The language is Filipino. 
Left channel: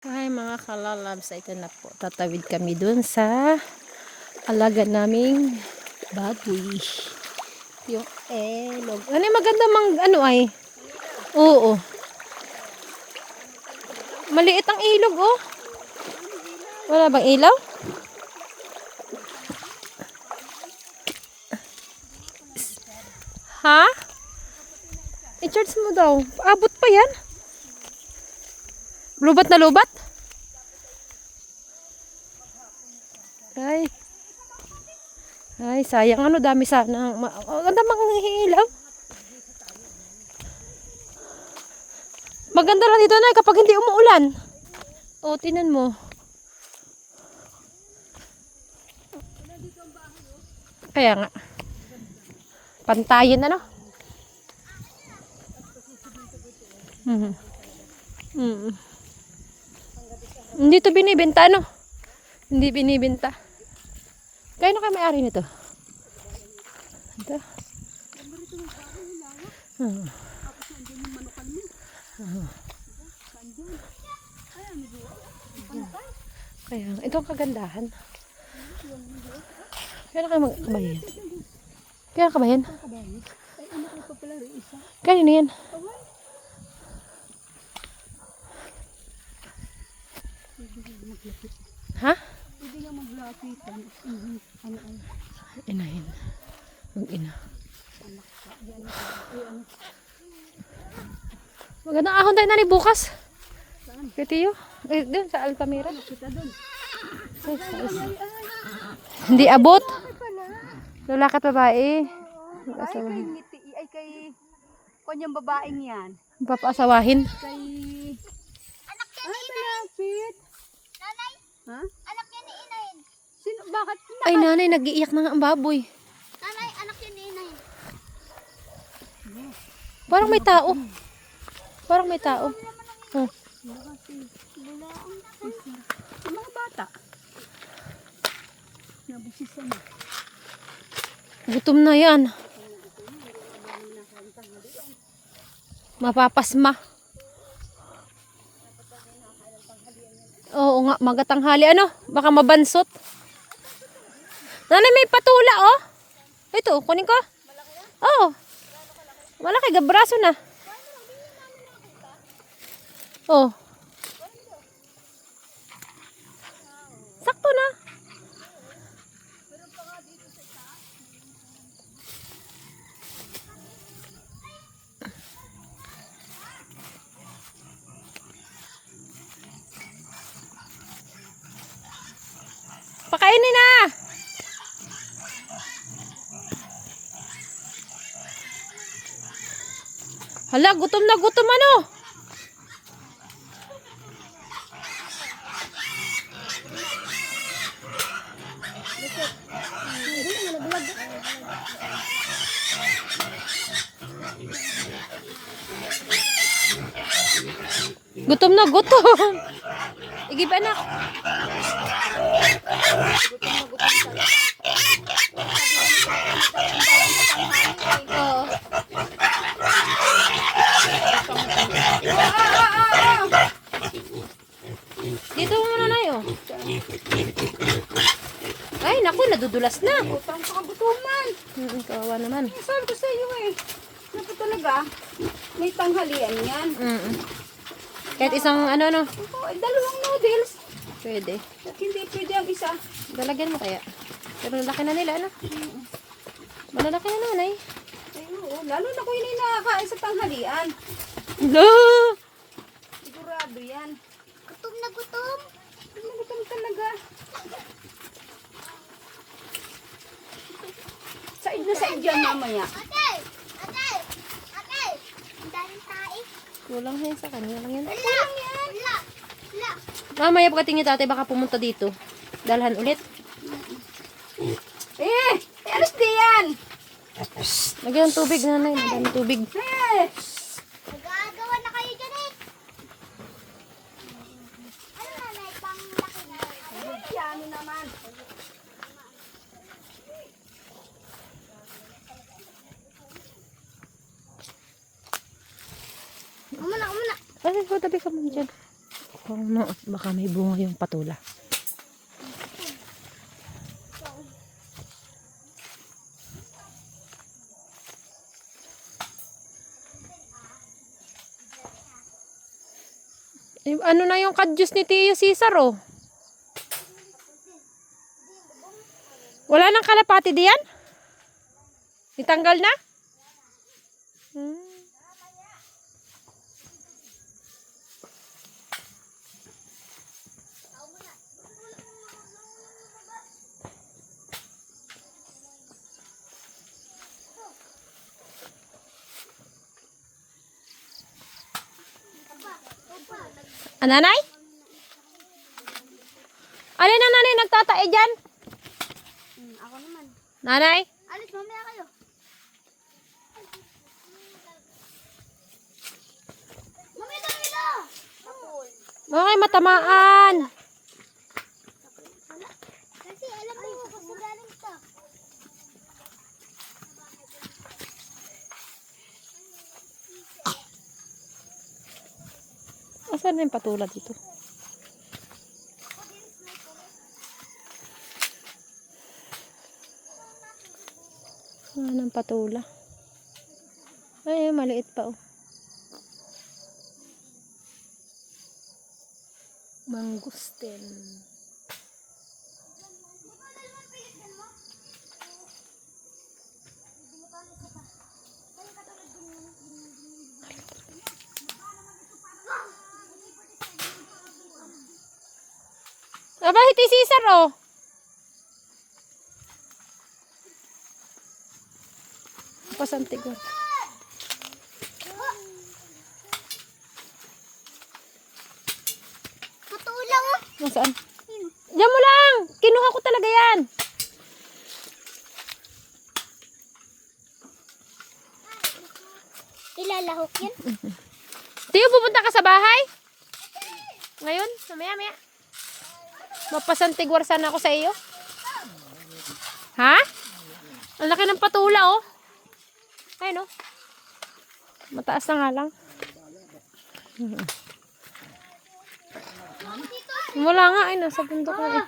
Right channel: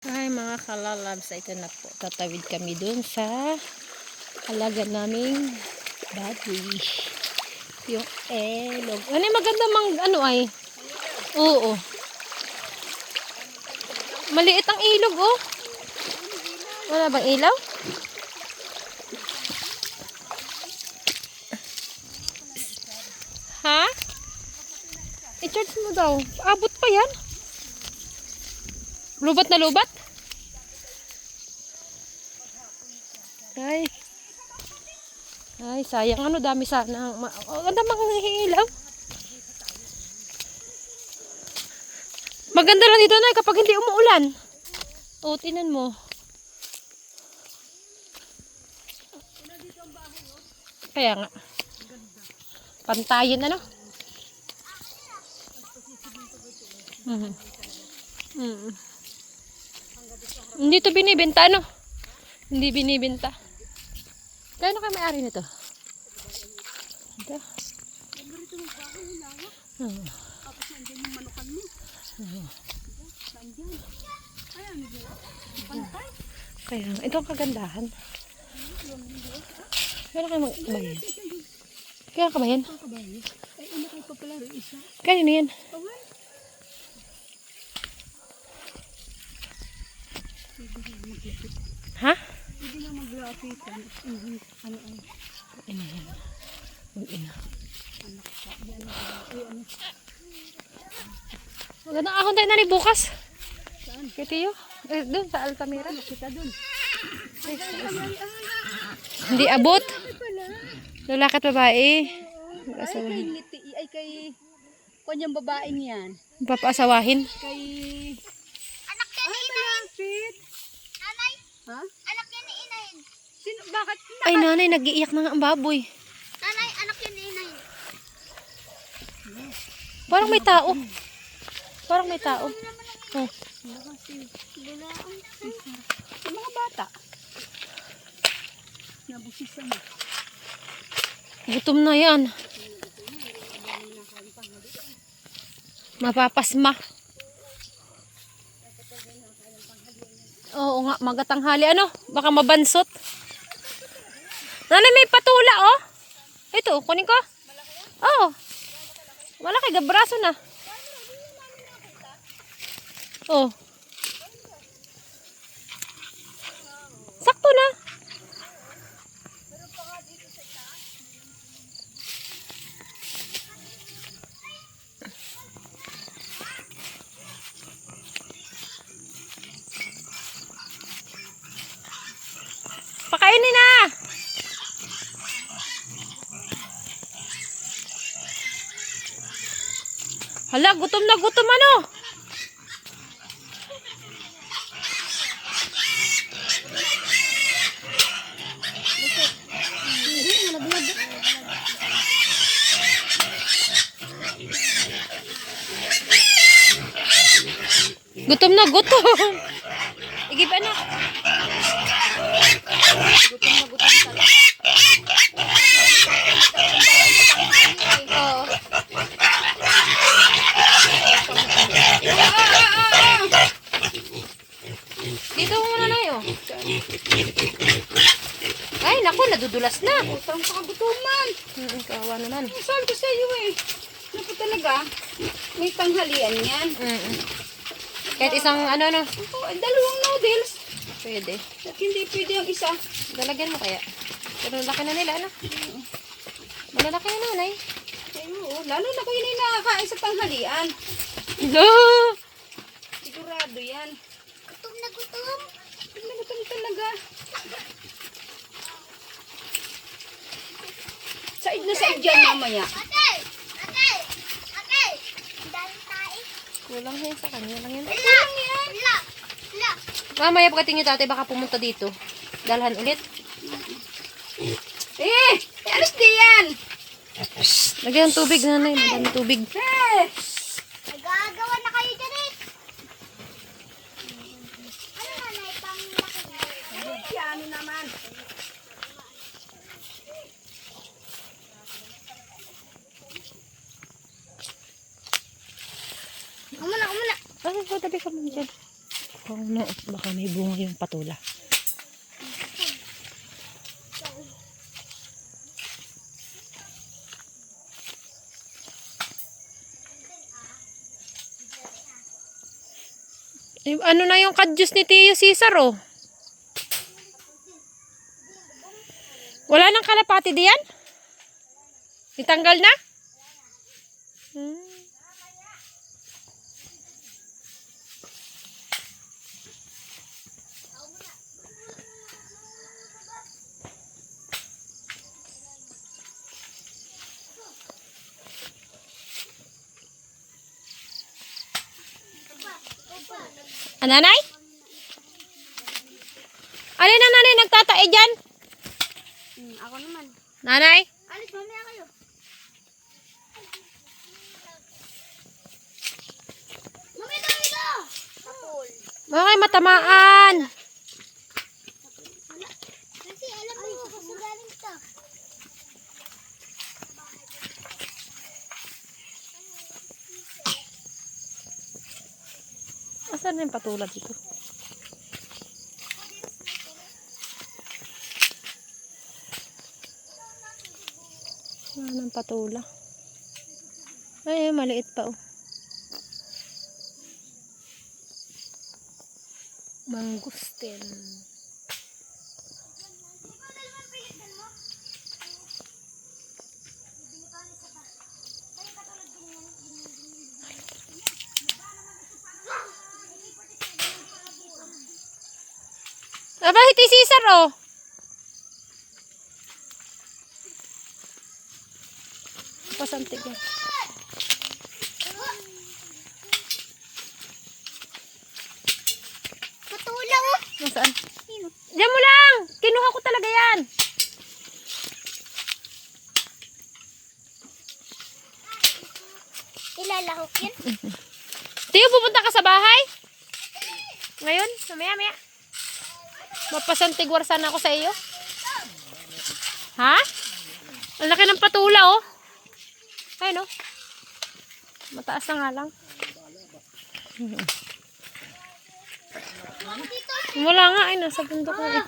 Hi mga kalalabs, ito na po. Tatawid kami dun sa alaga naming baboy. Yung elog. Ano maganda ano ay? Oo. Maliit ang ilog oh. Wala bang ilaw? Ha? I-charge mo daw. Abot pa yan? Lubat na lubat? Ay, sayang ano, dami sana. Ganda ilaw. Maganda lang dito na kapag hindi umuulan. O, tinan mo. Kaya nga. Pantayin ano? Hindi to binibenta ano? Hindi binibenta. Kaya na kayo may-ari nito? Ito. Kaya ito ang kagandahan. Kaya na kayo mag-bayan. Kaya ka ba yan? Kaya na yan? Ha? Hindi na maglapitan. Ina yan. Yung ina. Magandang ahon tayo na ni bukas. Saan? Kitiyo. Doon sa Altamira. Kita doon. Hindi abot. Lalaki at babae. Mag-asawahin. Ay kay kanyang babaeng yan. Papaasawahin. Kay anak niya ni malapit. Nanay? Ha? Anak niya ni Inayin. Sino? Bakit? Ay nanay, nag-iiyak na nga ang baboy. Nanay, anak niya ni Inayin. Parang may tao. Parang may tao. Oh. Yung mga bata. Nabusisan na. Gutom na yan. Mapapasma. Oo nga, magatanghali. Ano? Baka mabansot. Nanay, may patula oh. Ito, kunin ko. Oo. Malaki, gabraso na. Oh. Sakto na. Pakainin na. Hala, gutom na gutom ano. Gutom na gutom. Igib ano? Oo. Dito mo muna na yun. Ay, naku, nadudulas na. Utang sa kabutuman. Kawawa naman. Sabi ko sa iyo eh. Naku talaga. May tanghalian yan. Kahit isang ano. Dalawang noodles. Pwede. At hindi pwede ang isa. Dalagyan mo kaya. Pero laki na nila, ano? Malalaki na nanay. Eh, oo. Lalo na kung hindi nakakain sa tanghalian. No! Sigurado yan. Gutom na gutom. Gutom na gutom talaga. Said na said dyan mamaya. Atay! Atay! Atay! Dahil tayo. Walang yan sa kanya. Walang yan. Wala! Wala! Wala! Mamaya pagkating niyo tatay, baka pumunta dito. Dalhan ulit. Alis di yan. Lagyan ng tubig, nanay. Madami tubig. Nagagawa na kayo dyan eh. Ano na na itang laki na? Ano naman. Umuna, umuna. Ay, tabi ka mo dyan. Oo no, baka may bunga yung patula. Eh, ano na yung kadyos ni Tio Cesar, oh? Wala nang kalapati diyan? Itanggal na? Hmm. Ah, nanay? Alin na nanay nagtatae dyan? Ako naman. Nanay? Alis, mamaya kayo. Dito! Tapol. Bakit matamaan? Kasi alam mo, gusto galing to. Asan na yung patula dito? Ano ang patula? Ay, maliit pa, oh. Mangustin. Aba, hiti Cesar, oh. Pasantig yan. Matulaw oh. Nasaan? Diyan mo lang! Kinuha ko talaga yan. Ilalahok yan. Tiyo, pupunta ka sa bahay? Ngayon? Mamaya. Mapasantigwar sana ako sa iyo. Ha? Ang laki ng patula, oh. Ayun, oh. Mataas na nga lang. Wala nga, ay nasa bundok na eh.